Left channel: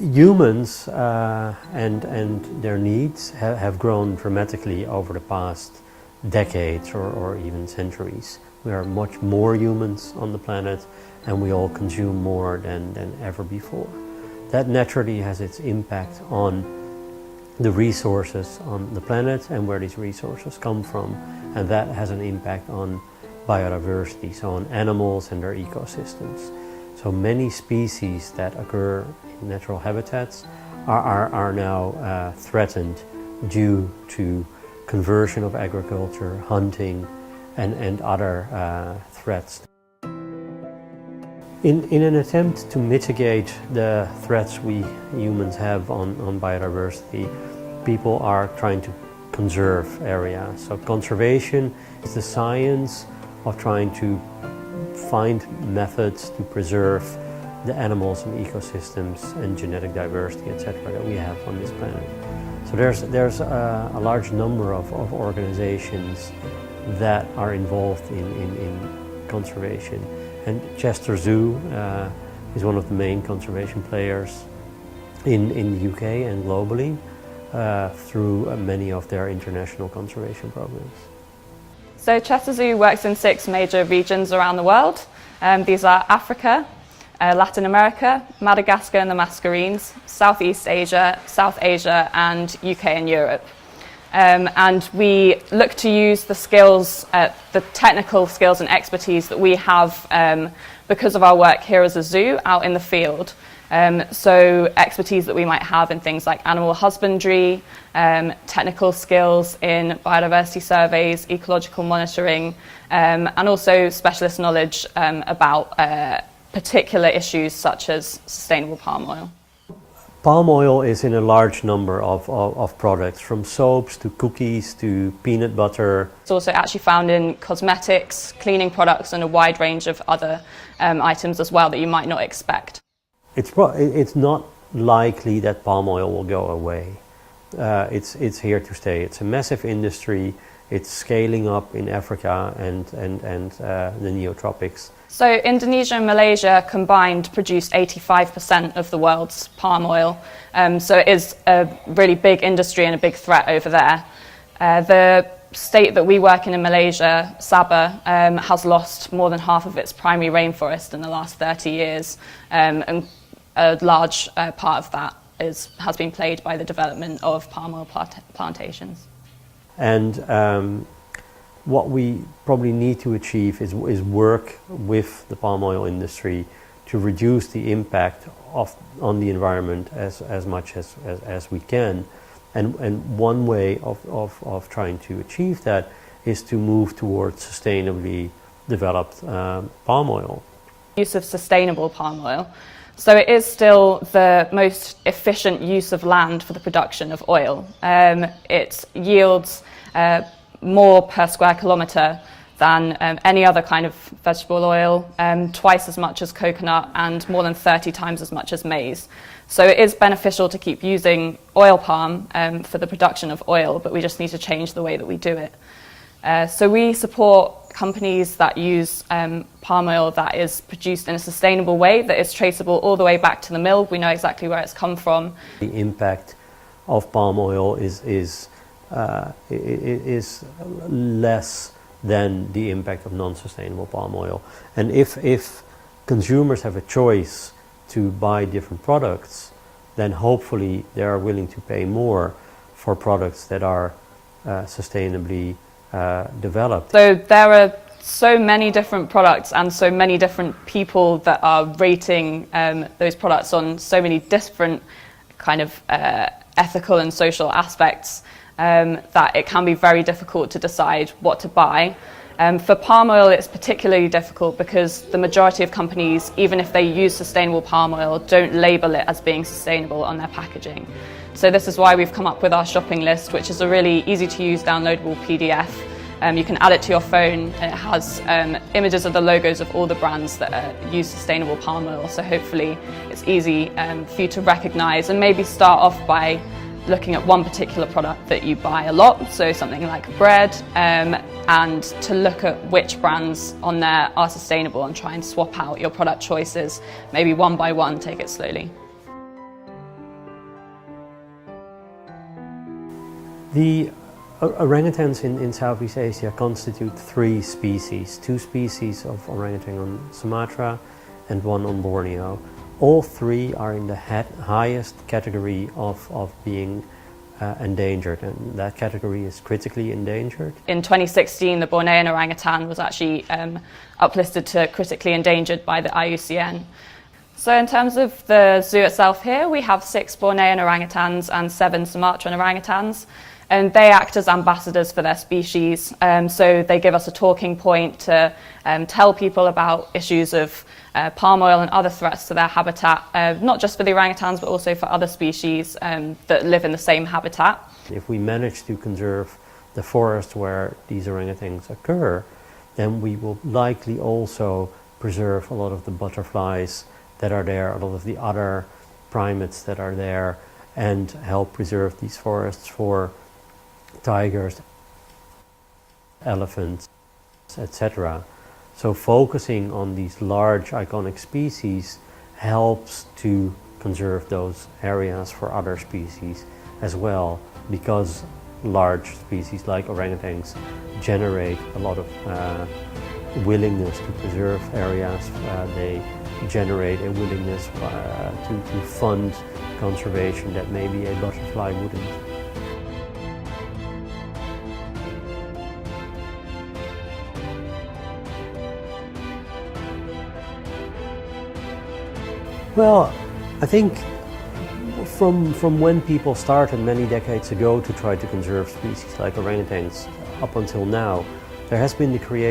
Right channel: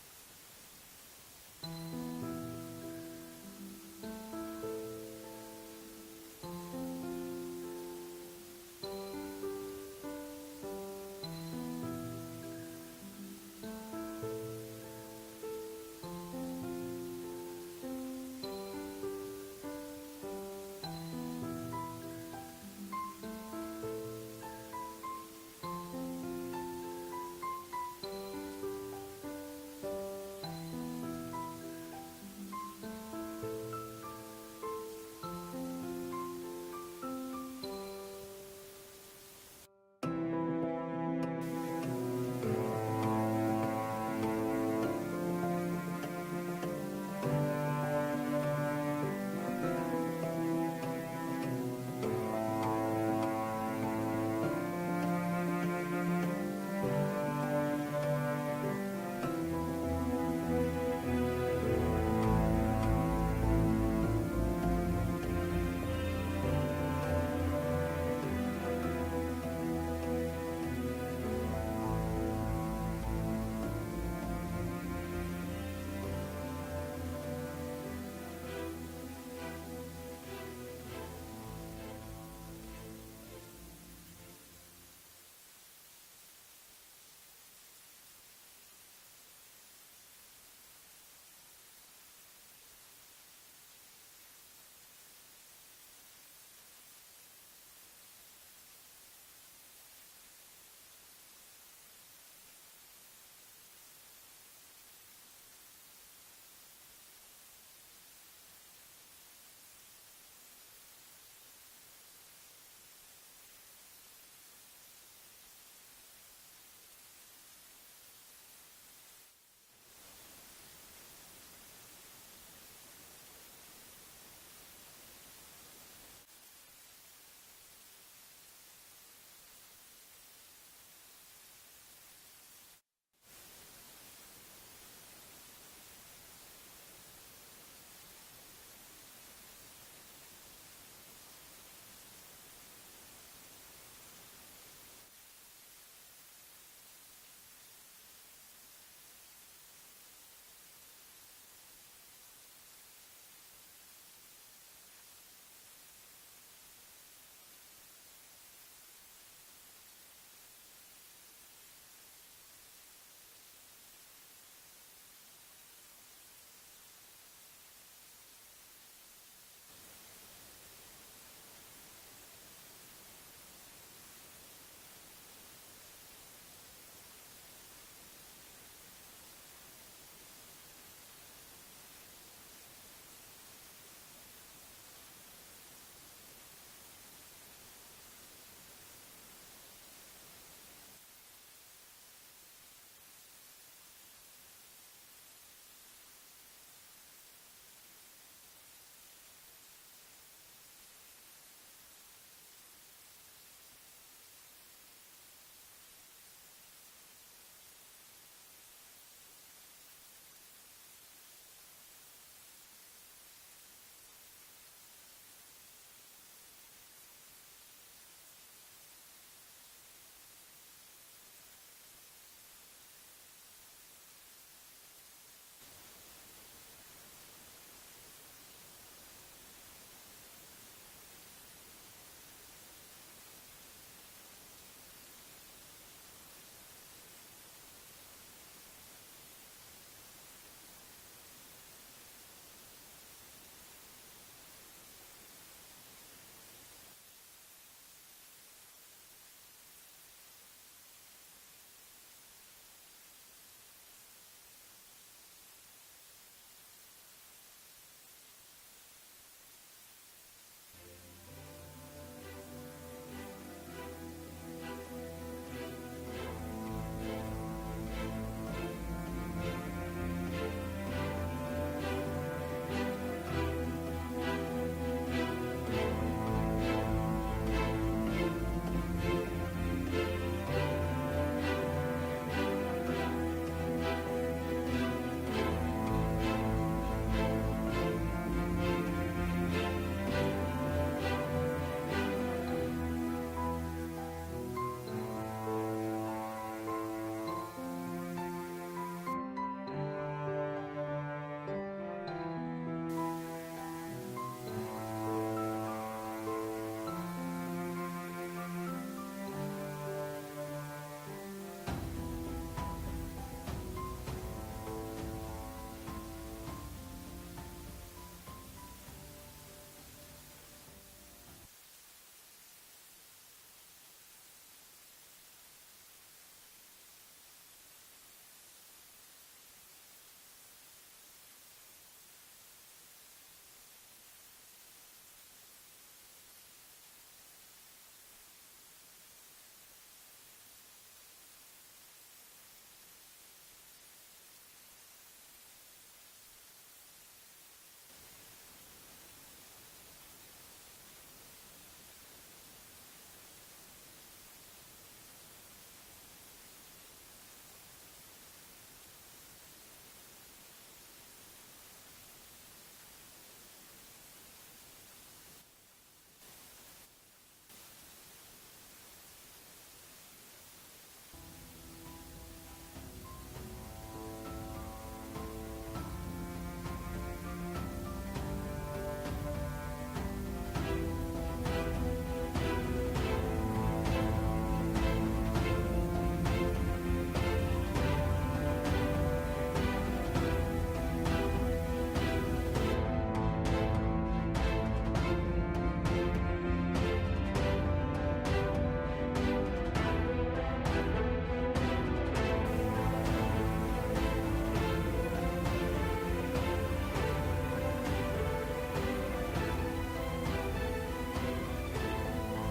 Humans and their needs have grown dramatically over the past decades or even centuries. We are much more humans on the planet, and we all consume more than ever before. That naturally has its impact on the resources on the planet and where these resources come from, and that has an impact on biodiversity, so on animals and their ecosystems. So many species that occur in natural habitats are now threatened due to conversion of agriculture, hunting, and other threats. In an attempt to mitigate the threats we humans have on biodiversity, people are trying to conserve areas. So conservation is the science of trying to find methods to preserve the animals and ecosystems and genetic diversity, etc., that we have on this planet. So there's a large number of organizations that are involved in conservation. And Chester Zoo is one of the main conservation players in the UK and globally through many of their international conservation programs. So Chester Zoo works in 6 major regions around the world. These are Africa, Latin America, Madagascar and the Mascarenes, Southeast Asia, South Asia and UK and Europe. And we look to use the skills, the technical skills and expertise that we have because of our work here as a zoo out in the field. So expertise that we might have in things like animal husbandry, technical skills in biodiversity surveys, ecological monitoring, and also specialist knowledge about particular issues such as sustainable palm oil. Palm oil is in a large number of products, from soaps to cookies to peanut butter. It's also actually found in cosmetics, cleaning products and a wide range of other items as well that you might not expect. It's not likely that palm oil will go away. It's here to stay. It's a massive industry. It's scaling up in Africa and the neotropics. So Indonesia and Malaysia combined produce 85% of the world's palm oil. So it is a really big industry and a big threat over there. The state that we work in Malaysia, Sabah, has lost more than half of its primary rainforest in the last 30 years. And a large part of that has been played by the development of palm oil plantations. And what we probably need to achieve is work with the palm oil industry to reduce the impact on the environment as much as we can. And one way of trying to achieve that is to move towards sustainably developed palm oil. Use of sustainable palm oil. So it is still the most efficient use of land for the production of oil. It yields more per square kilometre than any other kind of vegetable oil, twice as much as coconut and more than 30 times as much as maize. So it is beneficial to keep using oil palm for the production of oil, but we just need to change the way that we do it. So we support companies that use palm oil that is produced in a sustainable way, that is traceable all the way back to the mill. We know exactly where it's come from. The impact of palm oil is less than the impact of non-sustainable palm oil. And if consumers have a choice to buy different products, then hopefully they are willing to pay more for products that are sustainably developed. So there are so many different products and so many different people that are rating those products on so many different kind of ethical and social aspects that it can be very difficult to decide what to buy. For palm oil, it's particularly difficult because the majority of companies, even if they use sustainable palm oil, don't label it as being sustainable on their packaging. So this is why we've come up with our shopping list, which is a really easy to use downloadable PDF. You can add it to your phone. It has images of the logos of all the brands that use sustainable palm oil. So hopefully it's easy for you to recognize and maybe start off by looking at one particular product that you buy a lot, so something like bread, and to look at which brands on there are sustainable and try and swap out your product choices, maybe one by one, take it slowly. The orangutans in Southeast Asia constitute 3 species, 2 species of orangutan on Sumatra and 1 on Borneo. All 3 are in the highest category of being endangered, and that category is critically endangered. In 2016, the Bornean orangutan was actually uplisted to critically endangered by the IUCN. So in terms of the zoo itself here, we have 6 Bornean orangutans and 7 Sumatran orangutans, and they act as ambassadors for their species. So they give us a talking point to tell people about issues of palm oil and other threats to their habitat, not just for the orangutans, but also for other species that live in the same habitat. If we manage to conserve the forest where these orangutans occur, then we will likely also preserve a lot of the butterflies that are there, a lot of the other primates that are there, and help preserve these forests for tigers, elephants, etc. So focusing on these large iconic species helps to conserve those areas for other species as well, because large species like orangutans generate a lot of willingness to preserve areas. They generate a willingness to fund conservation that maybe a butterfly wouldn't. Well, I think from when people started many decades ago to try to conserve species like orangutans up until now, there has been the creation